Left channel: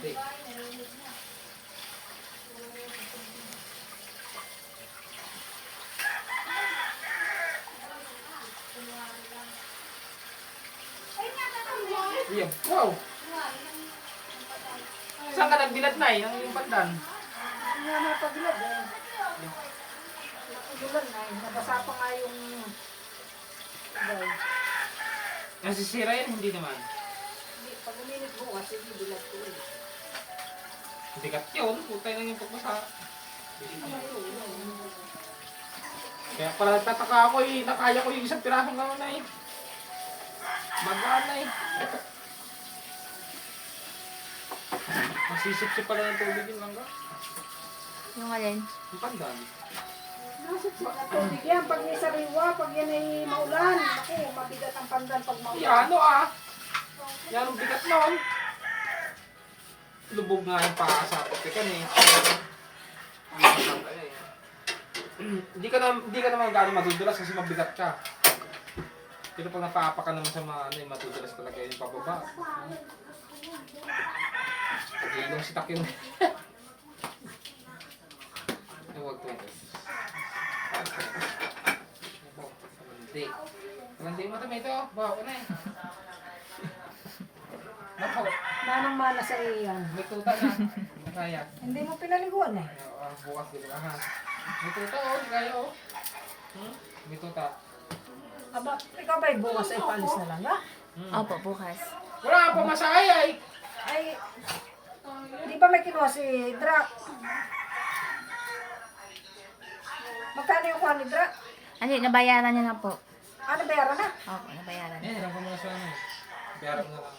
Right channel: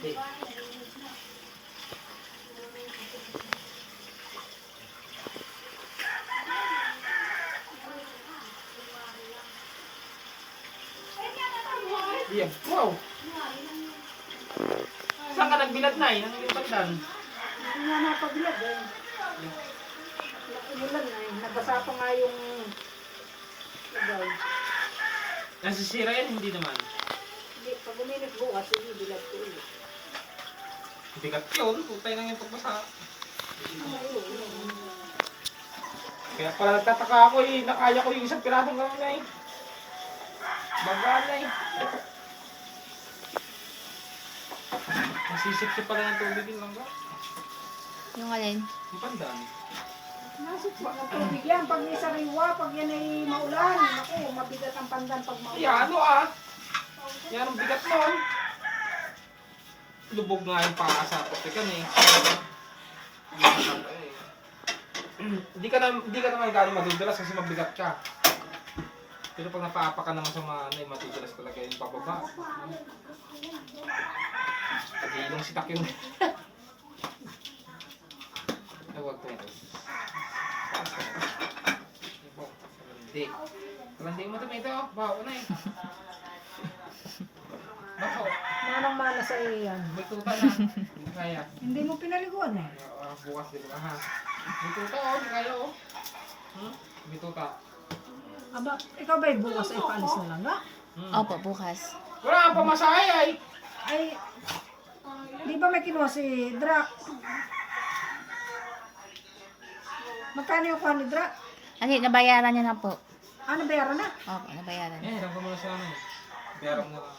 Di. Iya, wow. Saan ka nagbilad na eh? Ang iyong pandan? Hindi nga mapabilad eh. Nakubulan na eh. Nabasa pa nga yung ibay. Nasisira yan? Hindi naman. Hindi, pag uminit bukas, hindi bilad ko ulit. Bigat yun. Putay lang yung pagbasa. Kaya pala nagtataka ako eh. Nakaya ko yung isang pirasong naman na eh. Bagaan na eh. Masisip-sip pala ng tubig yung langga. Yung alin? Yung pandan. Nasip pa ng tubig yan. Pag may sariwa, pag yan ay maulan. Naku, mabigat ang pandan pag maulan. Yan ano ah. Yan ang bigat nun. Lubog nga yung paa sa topikan eh. Hindi ka naman gano'ng madudulas kasi mabigat ka. Pero pag napaapak ka naman sa mga ano, matutulas talaga yung pababa. Pag-iilong sitak yung... Ay, huwag to. Hindi. Hindi mo ito, ito. Baho na eh. Bako. Manang-mana sa iyan. May tuta na. Hindi kaya. Hindi mo pinaliguan eh. Bukas din ka ha. May tuta oh, hindi kaya oh. May tuta. Aba, ikaw ba'y bukas ay paalis na lang ha? Opo, bukas. Wala kang pamasahe ay. Ay, di ba may kinuha si Dra? Magkano yung kuha ni Dra? Ano, nabayaran niya na po. Ano, bayaran na? Opo, nabayaran na. Hiram ka muna sa ano. Berap na lang.